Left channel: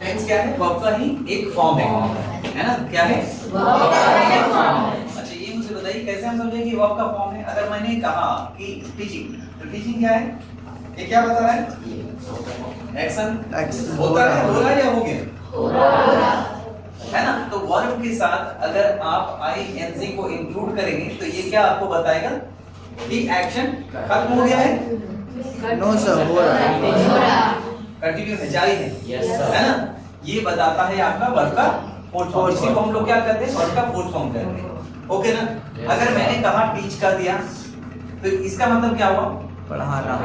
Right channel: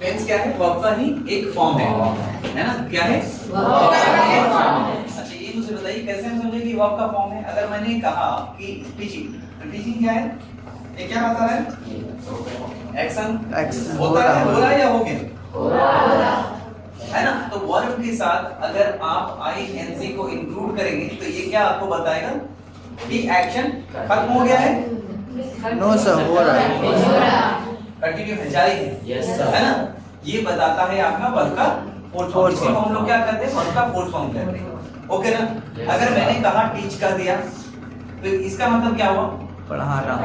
Tense क्या है? Verb का ही एक फॉर्म है ना? क्या है? अच्छा, ये मुझे बताइए कैसे हम समझे कि वर्ब का फॉर्म है। अगर मैंने कहा कि टीचिंग, तो टीचिंग क्या है? ये क्या बता रहा है? एक्शन होता है, हो रहा है या हो गया? है ना? तो वर्ब के साथ अगर आप आईएनजी को इंक्लूड करेंगे तो ये क्या आपको बताएगा कि एक्शन खत्म हो गया है? नो सर, हो रहा है, कंटिन्यू है, जारी है। Yes, sir. है ना? ये बताता है आपका वर्ब का फोर्थ फॉर्म। इसी को हम लोग क्या करते हैं? वर्ब का फोर्थ फॉर्म कहते हैं। ओके ना? अगर मैंने कहा टीच कर दिया तो इसका मतलब क्या हुआ? पढ़ा रहा।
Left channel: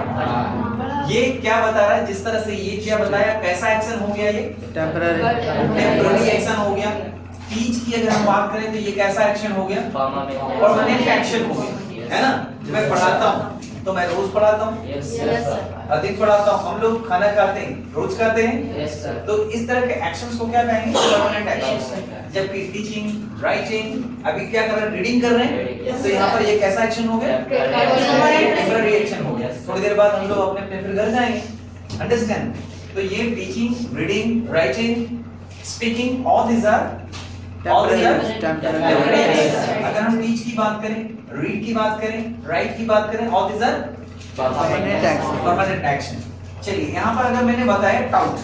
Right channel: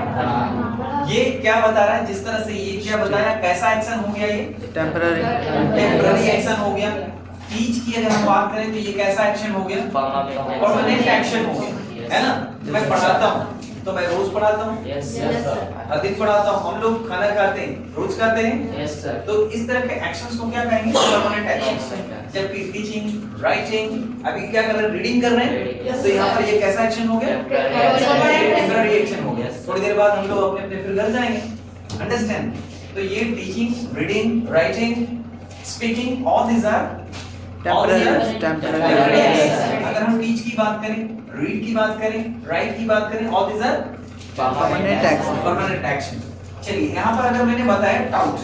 ये क्या बता रहा है? जिस तरह से ये क्या बताया, कैसा एक्शन हो गया? ये टेम्पररी एक्शन हो गया। टीच की अगर हम बात करें तो ये कैसा एक्शन हो गया? परमानेंट एक्शन हो गया। है ना? मैं पढ़ाता हूँ तो मैं रोज पढ़ाता हूँ, अधिक पढ़ाता हूँ, हम लोग खाना खाते हैं रोज खाते हैं। तो इस तरह के एक्शंस को क्या कहेंगे? Permanent action. जबकि टीचिंग, राइटिंग, अभी क्या कर रहे हैं? रीडिंग कर रहे हैं, तो यहाँ पर ये कैसा एक्शन हो गया? टेम्पररी एक्शन हो गया। थोड़ी देर बाद हम लोग अपने अपने घर जाएंगे। अंडरस्टैंड? तो ये teaching, reading, writing, speaking, all these are temporary action. अगर हम टीच की बात करें, रीड की बात करें, राइट की बात करें, all these are permanent action. चलिए यहाँ पर अगर मैंने बताया टाउट,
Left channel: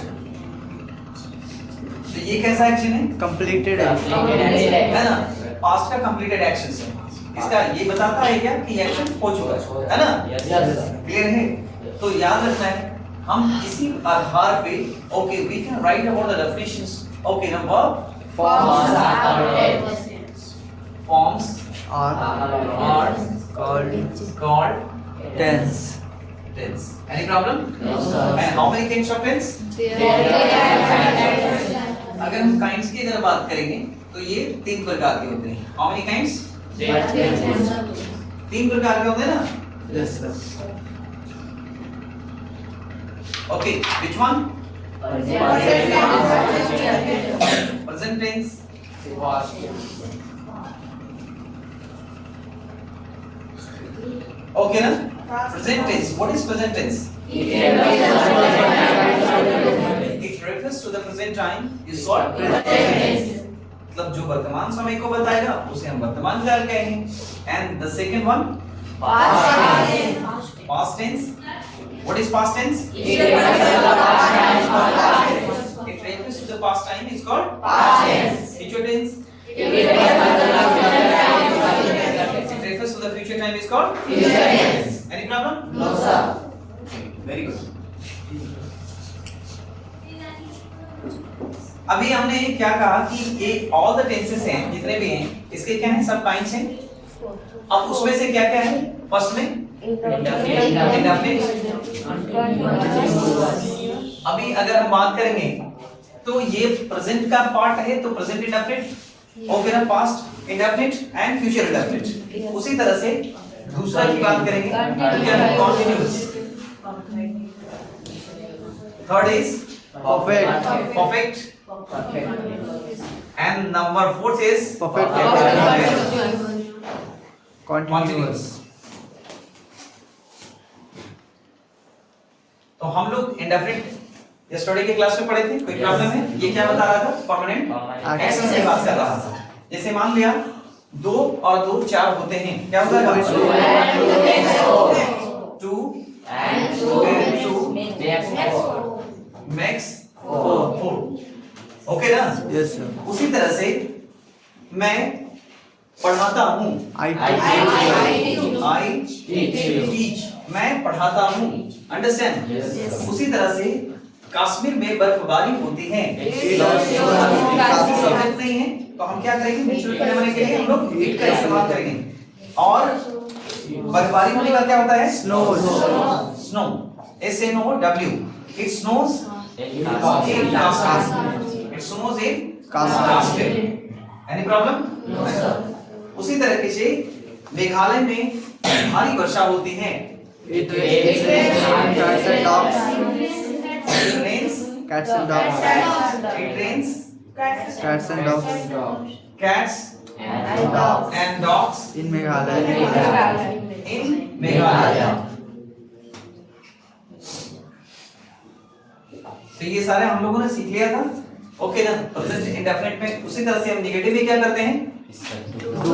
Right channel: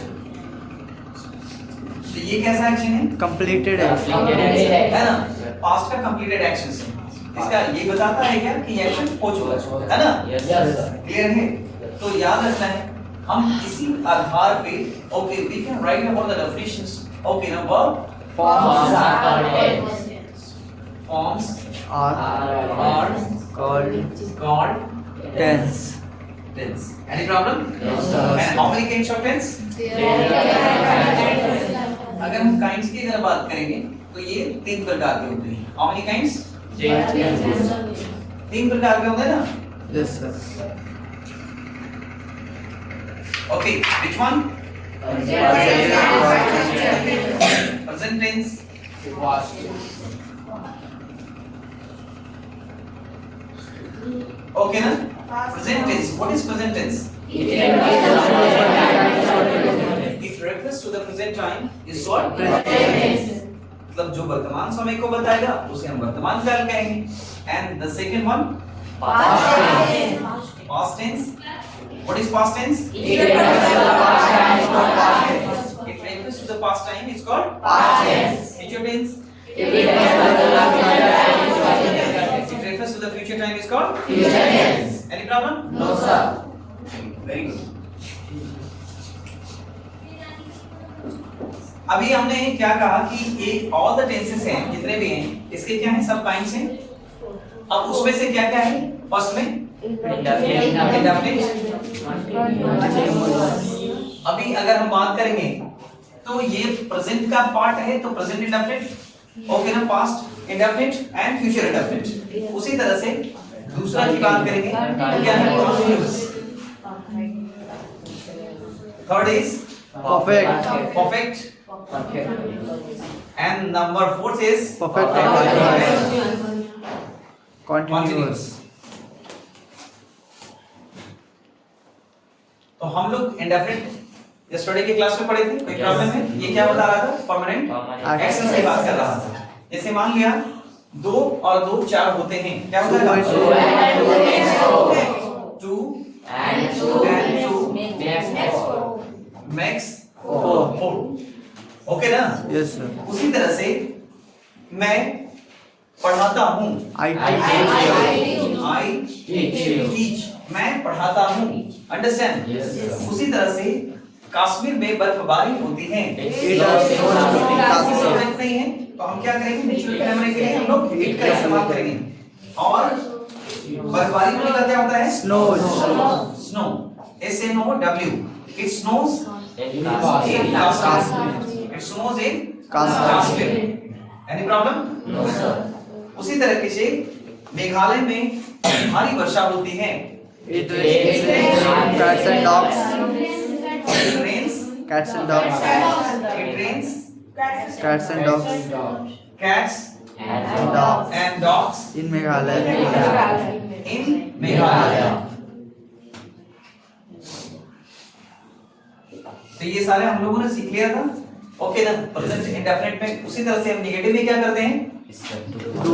तो ये कैसा एक्शन है? कंप्लीटेड है ना? पास्ट का कंप्लीटेड एक्शन है। इसका ये बताता है क्या कि एक्शन हो चुका है ना? क्लियर है? तो याद रखना है हम इसी आधार पे okay we can write about the definitions. Okay ना? Verb forms are called tense. tense. Any problem? No, sir. And how many kinds of tense? अगर हम kinds की अगर बात करेंगे तो ये 3 प्रकार के होते हैं। How many kinds? 3 प्रकार के होते हैं ना? Yes sir. Okay, which one? Present tense. Okay ना? Present tense. What is present tense? It refers to the present time. Is called present tense. मतलब जो वर्तमान समय को बताएगा उसे हम वर्तमान काल कहेंगे। And the second one? Past tense. What is past tense? It refers to the past time. Is called past tense. Future tense. It refers to the future time. Is called future tense. Any problem? No sir. Very good. अभी हमने क्या कहा कि ये all the tenses हैं, जितने भी हैं इसके क्या हैं? सब काइंड्स हैं। अब उसमें से क्या क्या है? फर्स्ट में इंडेफिनिट। अभी अगर हम बात करेंगे तो ये प्रेजेंट का पार्ट है तो प्रेजेंट इंडेफिनिट। ओके ना? Past indefinite and future indefinite. उसी तरह से दूसरा की बात करेंगे तो क्या है? Continuous. Third is perfect and number 4 is Perfect. Continuous. तो हम लोग इंडेफिनिट यस्टरडे के क्लास में पढ़े थे। कोई प्रॉब्लम है? ये क्या बता रहा था? परमानेंट एक्शन की बात कर रहा था। जैसे मान लिया 2 और 2 4 होते हैं, क्या होता है? 2 and 2 मैक्स 4। ओके ना? Yes sir. उसी तरह से मैं पढ़ाता हूँ, I teach, मैं पढ़ाता हूँ। अंडरस्टैंड? उसी तरह से कश्मीर में बर्फबारी होती है। नहीं है तो हम क्या करेंगे? नेचुरल फिनोमेना के लिए हम लोग इट का इस्तेमाल करेंगे। और बर्फबारी होने का क्या होता है? Snow. SNOW. It snows in Kashmir. It snows in Kashmir. Any problem? No sir. उसी तरीके से मेघालय में भारी वर्षा होती है। It rains cats and dogs. It rains Cats and dogs. It rains Cats and dogs. cats and dogs In Meghalaya. in Meghalaya. तो ये सारे हम लोगों ने सीख लिया था। ओके ना, प्रेजेंट इंडेफिनिट में उसी तरह से हम नेगेटिव में क्या करते हैं, डू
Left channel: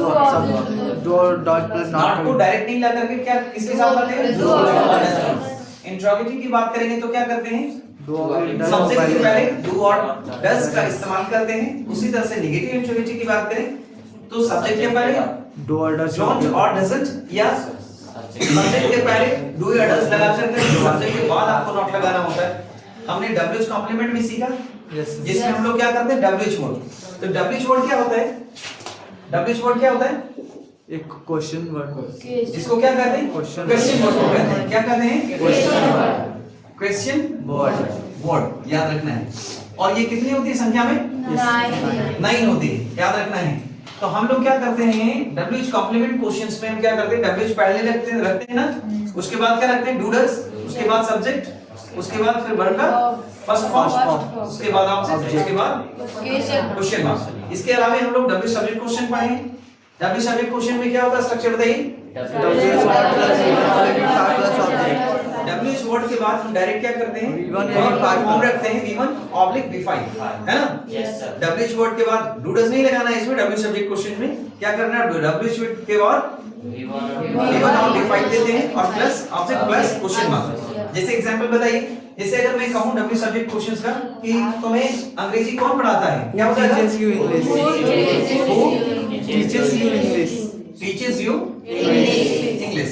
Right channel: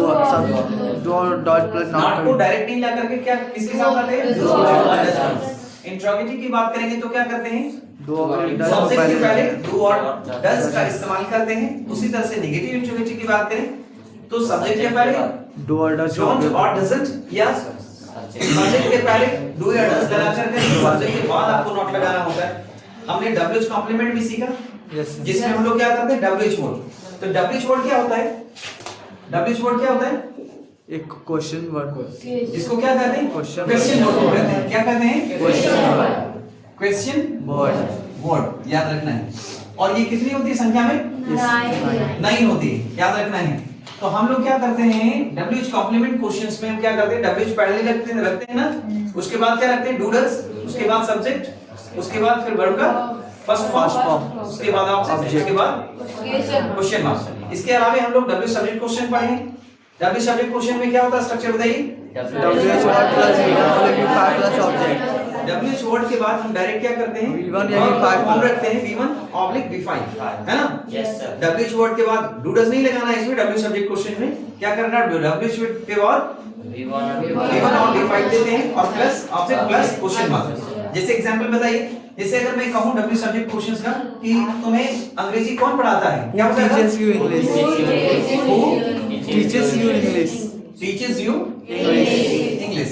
डॉट प्लस नॉट को डायरेक्ट नहीं ला करके क्या किसके साथ लाते हैं, इंट्रोगेटिव की बात करेंगे तो क्या करते हैं, सब्जेक्ट के पहले डू और डज का इस्तेमाल करते हैं। उसी तरह से नेगेटिव इंट्रोगेटिव की बात करें तो सब्जेक्ट के पहले डू और डज डोंट और डजंट, या सब्जेक्ट के पहले डू या डज लगा करके सब्जेक्ट के बाद आपको नॉट लगाना होता है। हमने डब्ल्यूएच कॉम्प्लीमेंट भी सीखा, जिसमें हम लोग क्या करते हैं, डब्ल्यूएच वर्ड। तो डब्ल्यूएच वर्ड क्या होता है, डब्ल्यूएच वर्ड क्या होता है, एक क्वेश्चन वर्ड, इसको क्या कहते हैं, क्वेश्चन वर्ड को कहते हैं। क्या कहते हैं, क्वेश्चन वर्ड, याद रखना है। और ये कितनी होती है संख्या में, 9 होती है, याद रखना है। तो हम लोग क्या करते हैं, डब्ल्यूएच कॉम्प्लीमेंट क्वेश्चंस में हम क्या करते हैं, डब्ल्यूएच पहले रखते हैं ना, उसके बाद क्या रखते हैं, डू डज, उसके बाद सब्जेक्ट, उसके बाद फिर वर्ब का फर्स्ट फॉर्म, उसके बाद ऑब्जेक्ट, उसके बाद क्वेश्चन मार्क। इसके अलावा हम लोग डब्ल्यू सब्जेक्ट क्वेश्चन पढ़े हैं। डब्ल्यू सब्जेक्ट क्वेश्चन में क्या होता है, स्ट्रक्चर बताइए। डब्ल्यूएच वर्ड के बाद हम डायरेक्ट क्या करते हैं, फॉर्म रखते हैं V1/V5, है ना। डब्ल्यूएच वर्ड के बाद डू डज नहीं लगाना है इसमें, डब्ल्यू सब्जेक्ट क्वेश्चन में क्या करना है, डब्ल्यूएच के बाद V1 और V5 देते हैं और plus object plus question mark. जैसे एग्जांपल बताइए, जैसे अगर मैं कहूं डब्ल्यू सब्जेक्ट क्वेश्चंस का कि तुम्हें अंग्रेजी कौन पढ़ाता है, क्या हो जाएगा, teachers you English, teachers you English, teachers you English,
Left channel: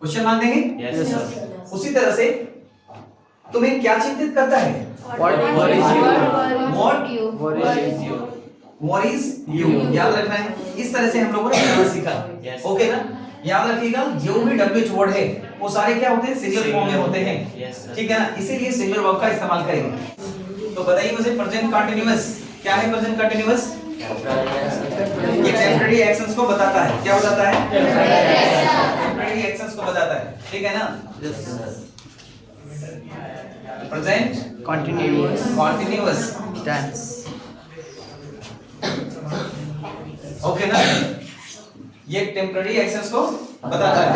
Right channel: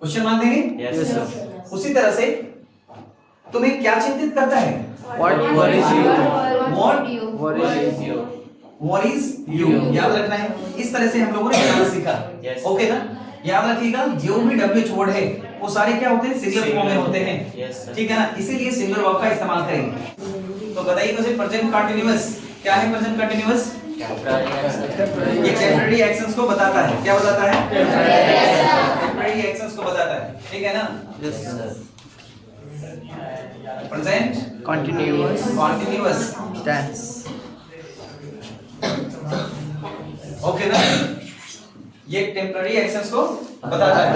question mark देंगे। Yes sir. उसी तरह से तुम्हें क्या चिंतित करता है, what worries you, what is you, याद रखना है। इस तरह से हम लोगों ने ग्रामर सीखा, ओके ना। याद रखिएगा जो भी डब्ल्यूएच वर्ड है वो सारे क्या होते हैं, सिंगुलर फॉर्म में होते हैं, ठीक है ना, इसीलिए सिंगुलर वर्ब का इस्तेमाल करेंगे। तो बताइए मुझे प्रेजेंट कंटीन्यूअस क्या है, प्रेजेंट कंटीन्यूअस ये टेम्परेरी एक्शंस को बताता है, क्या बताता है, टेम्परेरी एक्शंस को बताता है, ठीक है ना। प्रेजेंट कंटीन्यूअस टेंस, ओके ना, ये टेम्परेरी एक्शंस को बताता है।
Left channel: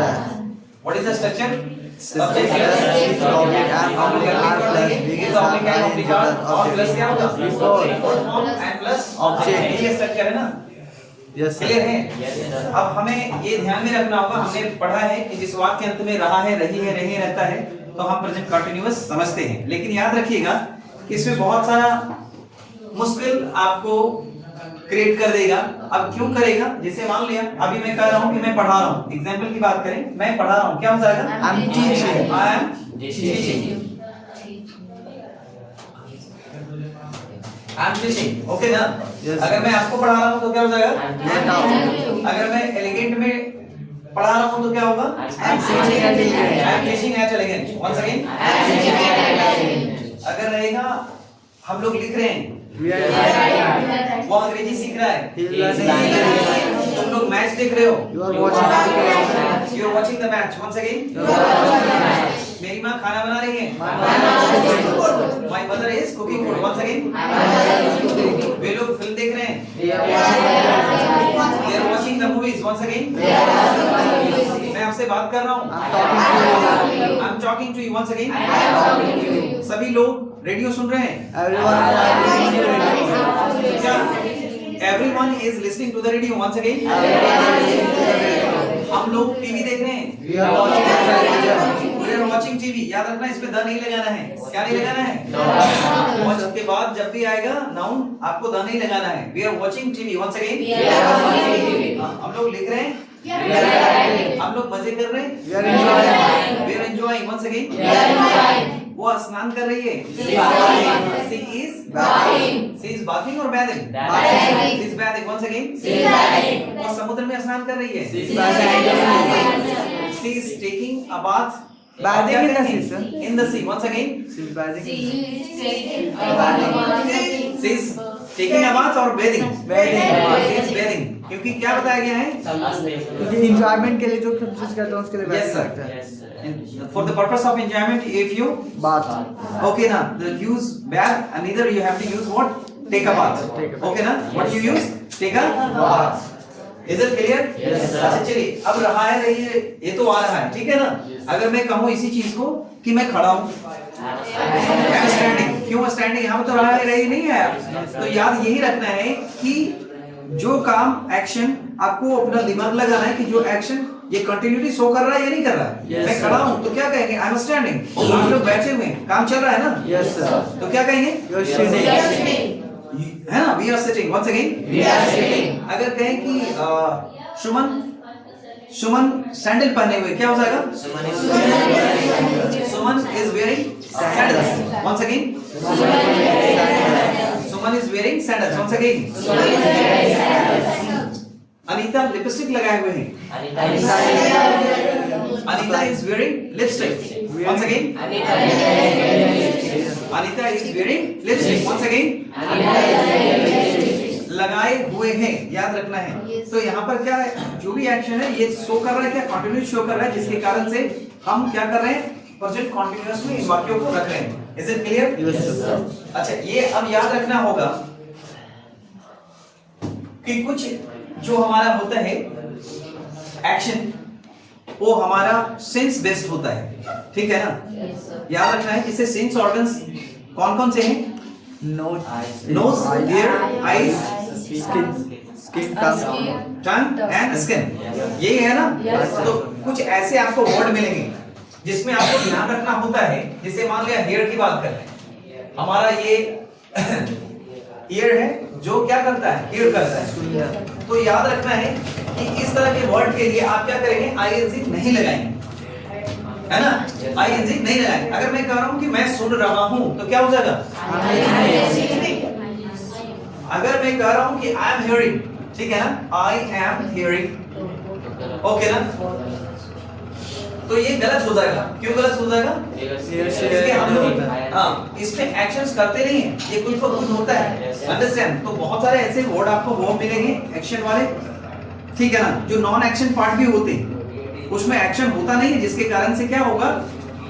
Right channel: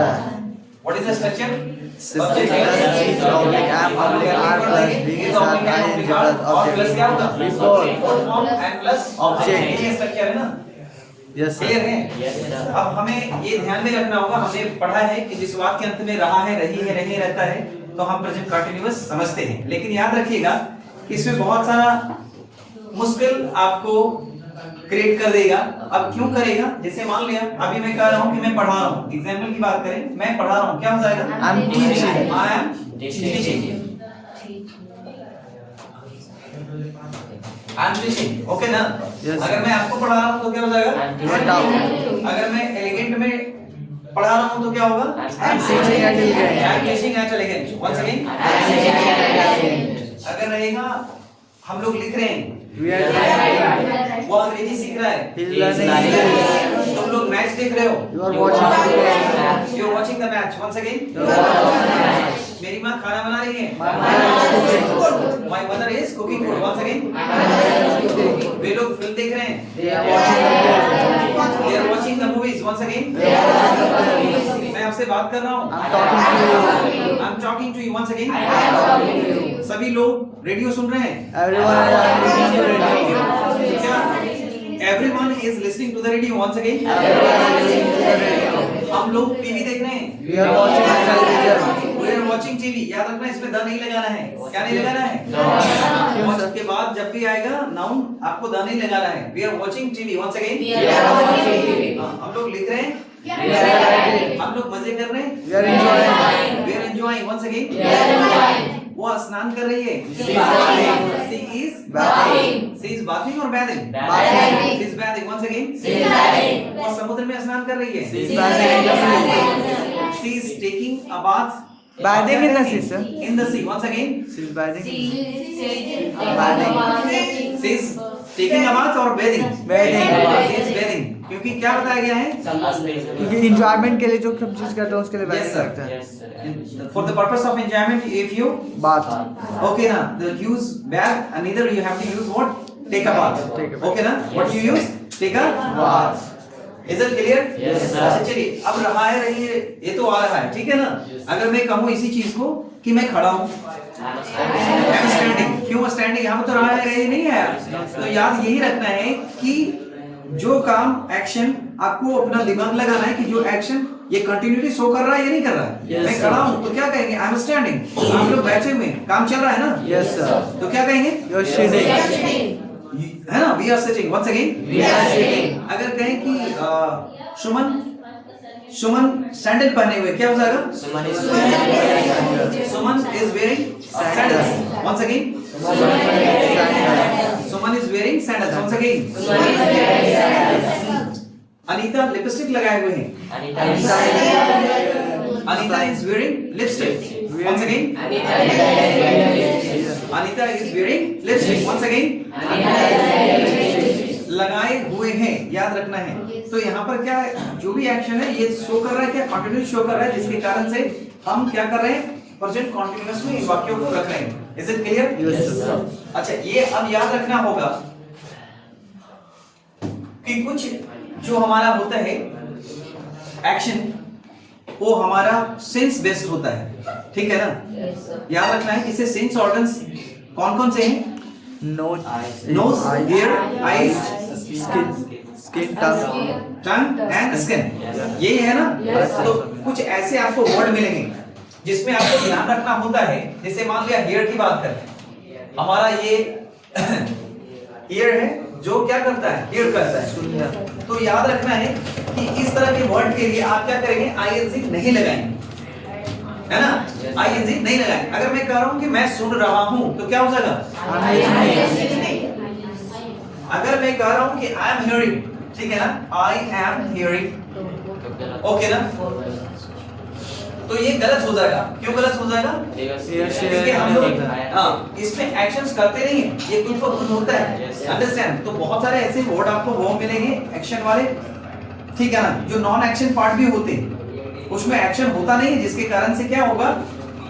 What is the structure, subject और प्लस क्या होगा, फॉर्म एंड प्लस ऑब्जेक्ट, ये स्ट्रक्चर है ना। यस क्लियर है। अब हमें ये ध्यान में रखना होगा, हमने पढ़ा है कि जिस वाक्य के अंत में रहा है, रही है, नहीं रहता है तो हम प्रेजेंट कंटीन्यूअस समझते हैं। लेकिन याद रखिएगा कि इसमें बहुत सारा मुश्किल आपको क्रिएट कर देगा। अब क्यों करेगा, जैसे मान लिया अभी मैं कह रहा हूं कि मैं पढ़ा रहा हूं, एग्जांपल की बात करें, मैं पढ़ा रहा हूं, क्या हो जाएगा, आई am teaching, I am teaching, I am teaching, okay ना। अगर मैं आपको पढ़ा रहा हूं तो क्या हो जाएगा, अगर मैं एलिगेंट में पढ़ा रहा हूं तो क्या होगा, I am teaching at elegant, once again. अगर रहेगा हम लोग लिख रहे हैं, वो अंग्रेजी सीख रहा है, तुम लोग मैच देख रहे हो, you are watching the match, once again. मेरी माँ खाना बना रही है, my mother is cooking food, once again. वे लोग फिल्म देख रहे हैं, they are watching the movies, once again. मैं आपसे बात कर रहा हूँ, I am talking to you, once again. सभी लोग रेडियो सुन रहे हैं, everyone is listening to the radio, once again। हम लोग टीवी देख रहे हैं, we are watching TV, याद रखना इसमें द नहीं लगाना है, क्या नहीं लगाना है, watch के बाद जब भी आएगा नाउन आपको द नहीं लगाना है, we are watching TV, once again। हम लोग लिख रहे हैं, हम लोग मजे कर रहे हैं, we are enjoying, once again। वो स्नान कर रही है, she is bathing or bathing, she is bathing, once again। वो समुद्र में स्नान कर रही है, she is taking a bath, bathing in the sea, sir, in the sea, once again। she is bathing, she is taking a bath or bathing, she is bathing, क्योंकि क्या बताया गया है, ये एंजॉयमेंट के लिए जो सब चीज करते हैं उसके लिए Yes, bathing sir. करते हैं। For the purpose of enjoyment, if you बात, okay ना, the use bath and either you have to use what, take a bath, Take a bath. okay ना, what you use, take a bath, is it clear? Yes, sir. अच्छा चलिए, अब रहा है, रही है, ये तो आ रहा है, ठीक है ना। अगर मैं कहूँ इसी चीज को कि मैं खड़ा हूँ, स्टैंडिंग। क्यों स्टैंडिंग? यहाँ पे तो रहा है नहीं आया, तो याद यही रखना है कि जो काम एक्शन आपको अपना दिमाग लगाना है कि जो एक्शन ये कंटिन्यूटी शो कर रहा है या नहीं कर रहा है। Yes, मैं खड़ा हूँ तो क्या कहेंगे? I am standing. आप लोग बैठे हुए काम चल रहा है ना? Yes sir. तो क्या कहेंगे? यू आर सिटिंग, है ना? We are sitting. Once again we are sitting. अगर कहें कि सुमन सैंडल पहने हुए, क्या हो जाएगा? Suman is wearing sandals. Once again Suman is wearing sandals. Once again Anita lipstick लगाए हुए हैं। Anita is wearing lipstick. Once again Anita is wearing lipstick. Once again लगाए हुए हैं, याद रखना है। तो यहाँ पर क्या है, जो भी एक्शन है ये शो कर रहा है, क्या कंटिन्यूस शो कर रहा है, जिसके कारण से हम क्या कर रहे हैं? प्रेजेंट कंटिन्यूअस में इन वाक्यों को रख रहे हैं। Is it clear? Yes sir. अच्छा, ये अब याद रखना होगा कि कुछ जो हमारा होता है एक्शन, वो हमारा सेंस बेस्ड होता है, ठीक है ना? याद रखना है इससे सेंस ऑर्गन्स कौन कौन से हैं? Nose, ear, eyes, skin, tongue and skin, यही है ना? तो कुछ ऐसे आपको वर्ड मिलेंगे जिसमें आपको ध्यान रखना होता है। जैसे मान लिया हेयर की बात करें, हमारा ये ईयर है जो क्या करता है? हेयर करता है। तो याद रखना है कि इस तरह के वर्ड के लिए आप क्या करेंगे? आईएनजी नहीं लगाएंगे, है ना? आईएनजी नहीं लगाएंगे। अगर मैं कह रहा हूं कि मैं सुन रहा हूं तो क्या हो जाएगा? अगर मैं कह रहा हूं कि आई एम हियरिंग, ठीक है ना? आई एम हियरिंग, ओके ना? तो ये गलत हो जाएगा। क्यों गलत हो जाएगा? क्योंकि हम लोग इसमें एक्शंस करते नहीं है, ये कुछ तो कुछ होता है। अंडरस्टैंड? तो बहुत सारे ऐसे वर्ड आपको वो मिलेंगे एक्शन वाले, ठीक है ना? जो नॉन एक्शन पार्ट भी होते हैं, उसमें एक्शन होता नहीं है, जिसके कारण से क्या होगा?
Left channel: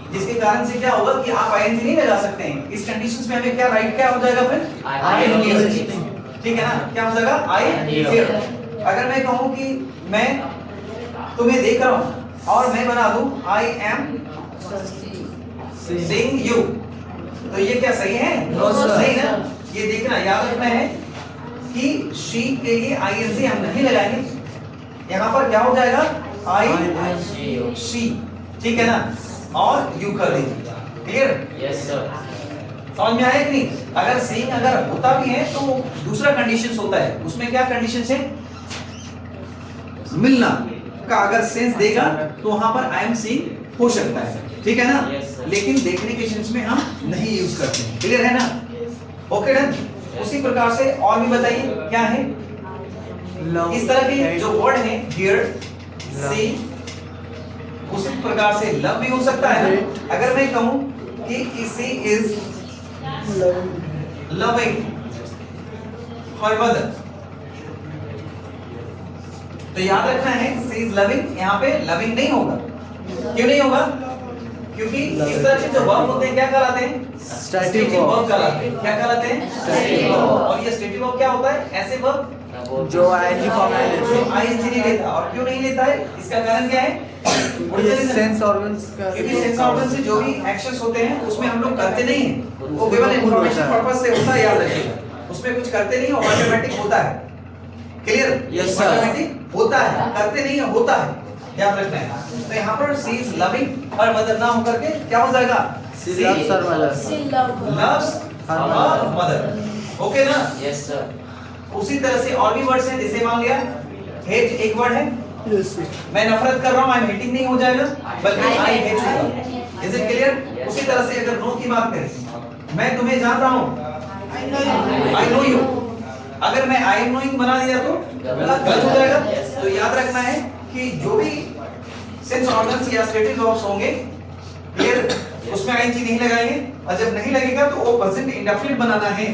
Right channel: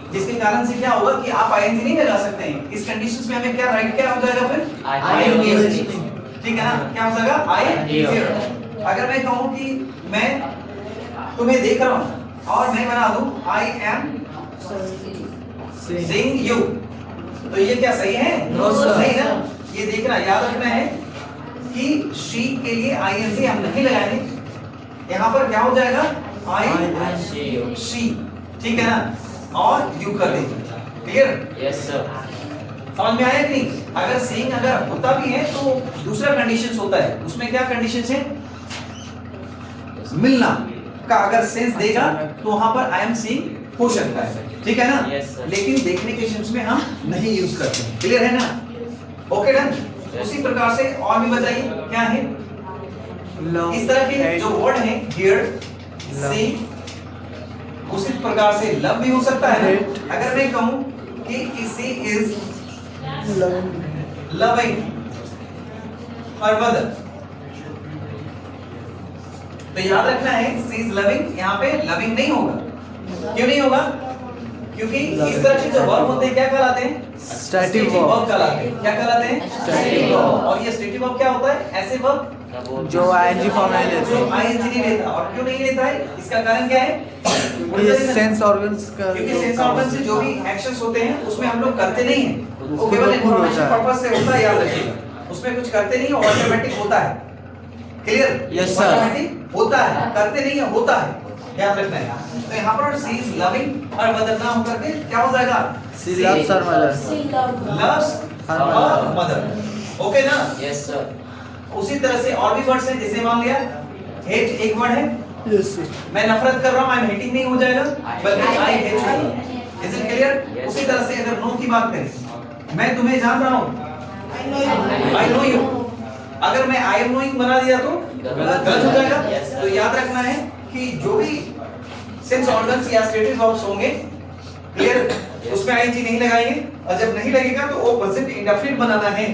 कि आप आईएनजी नहीं लगा सकते हैं। इस कंडीशंस में हमें क्या राइट क्या हो जाएगा फिर? आई, ठीक है ना? क्या हो जाएगा? आई। अगर मैं कहूं कि मैं तुम्हें देख रहा हूं और मैं बना दूं आई एम सीइंग यू, तो ये क्या सही है? No sir. नहीं ना? ये देखना, याद रखना है कि शी के लिए आईएनजी हम नहीं लगाएंगे। यहाँ पर क्या हो जाएगा? आई, शी, ठीक है ना? और यू कर दीजिए। क्लियर? Yes sir. समझ में आया कि नहीं? अगर सीइंग अगर होता भी है तो दूसरा कंडीशंस होता है। उसमें क्या कंडीशंस है? मिलना का अगर सेंस देगा तो वहां पर आई एम सीइंग हो सकता है, ठीक है ना? Yes, sir. लेकिन देखने के सेंस में हम नहीं यूज करते हैं। क्लियर है ना? Okay done. उसी प्रकार से और भी बताइए क्या है? इस तरह के जो वर्ड है हियर, सी, उसी प्रकार से लव भी हो सकता है ना? अगर मैं कहूं कि सी इज लविंग हर मदर, तो याद रखना है सी इज लविंग, यहाँ पे लविंग नहीं होगा। क्यों नहीं होगा? क्योंकि इस तरह के जो वर्ब होते हैं क्या कहलाते हैं? स्टैटिक वर्ब कहलाते हैं। क्या कहलाते हैं? Static verb. और ये स्टैटिक वर्ब क्या होता है? ऐसे वर्ब जो आईएनजी फॉर्म नहीं जो लेते, आईएनजी नहीं लेता। और क्यों नहीं लेता है? इसका कारण क्या है? सेंस ऑर्गन्स का, क्योंकि सेंस ऑर्गन से जो भी एक्शंस होते हैं उसमें हम लोग करते नहीं हैं। वो केवल इंफॉर्मेशन पर्पस से होता है, याद रखिएगा। उसमें कुछ करते नहीं है, ऑटोमेटिक होता है। क्लियर? Yes, sir. ऑटोमेटिक होता है, करते नहीं है, होता है, याद रखना है। तो यहाँ पर सी इज लविंग और मदर ना होकर के क्या हो जाएगा? She loves her mother, loves her mother. Okay ना? Yes sir. उसी तरह से और भी वर्ड्स हैं, जैसे मान लिया हेट एक वर्ड है। यस मैं नफरत कर रहा हूं, आई एम हेटिंग नहीं हो जाएगा, बल्कि आई हेट होगा। Is it clear? उसी तरह से अगर नो की बात करें, मैं तुम्हें जानता हूं, आई नो यू, अगर मैं आई एम नोइंग बना दिया तो गलत हो जाएगा। तो याद रखना है कि जो भी सेंस ऑर्गन्स या स्टेटिक वर्ब्स होंगे, क्लियर, उसमें आईएनजी नहीं लगाएंगे। और जब नहीं लगेगा तो वो प्रेजेंट इंडेफिनिट बनाना है।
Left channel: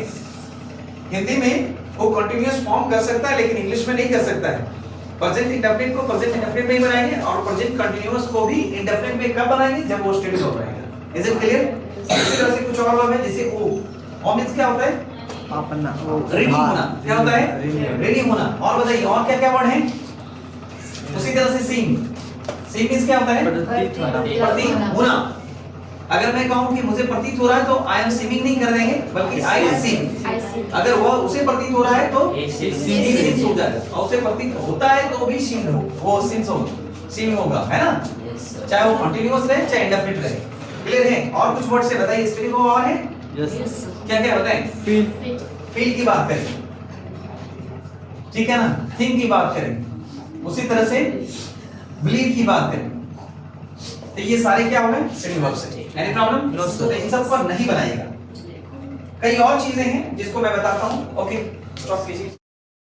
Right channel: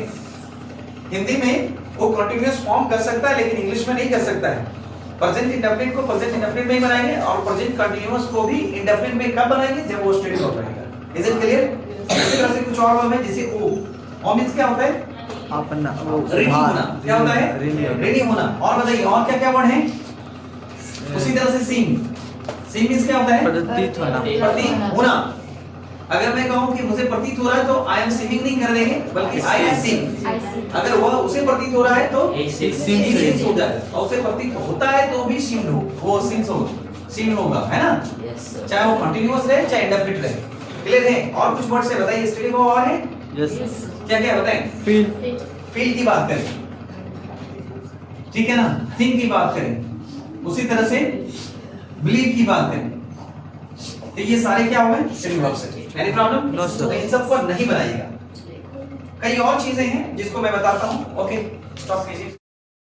हिंदी में वो कंटीन्यूअस फॉर्म कर सकता है, लेकिन इंग्लिश में नहीं कर सकता है। प्रेजेंट इंडेफिनिट को प्रेजेंट इंडेफिनिट में ही बनाएंगे और प्रेजेंट कंटीन्यूअस को भी इंडेफिनिट में कब बनाएंगे? जब वो स्टेटिक वर्ब रहेगा। Is it clear? इसी तरह से कुछ और वर्ब है, जैसे ओ मींस क्या होता है? अपना वो रेडी होना। क्या होता है? रेडी होना। और बताइए और क्या क्या वर्ड है? उसी तरह से सीम मींस क्या होता है? प्रतीत होना, प्रतीत होना। अगर मैं कहूं कि मुझे प्रतीत हो रहा है तो आई एम सीइंग नहीं कर देंगे, बल्कि आई एम सीइंग। अगर वह उसे प्रतीत हो रहा है तो सीइंग हो जाएगा, और उसे प्रतीत होता है तो भी सीइंग हो, वो सीइंग होगा, है ना? चाहे वो कंटीन्यूअस रहे चाहे इंडेफिनिट रहे। क्लियर है? और कुछ वर्ड से बताइए, इसके लिए और है यस क्या क्या बताएं? फील की बात करें, ठीक है ना? थिंक की बात करें, उसी तरह से बिलीव की बात करें। तो ये सारे क्या हो गए? सिंगल वर्ब से। Any problem? No sir. तो इन सब पर नहीं बनाइएगा। कई और चीजें हैं जिसको मैं बताता हूं। ओके, स्टॉप कीजिए।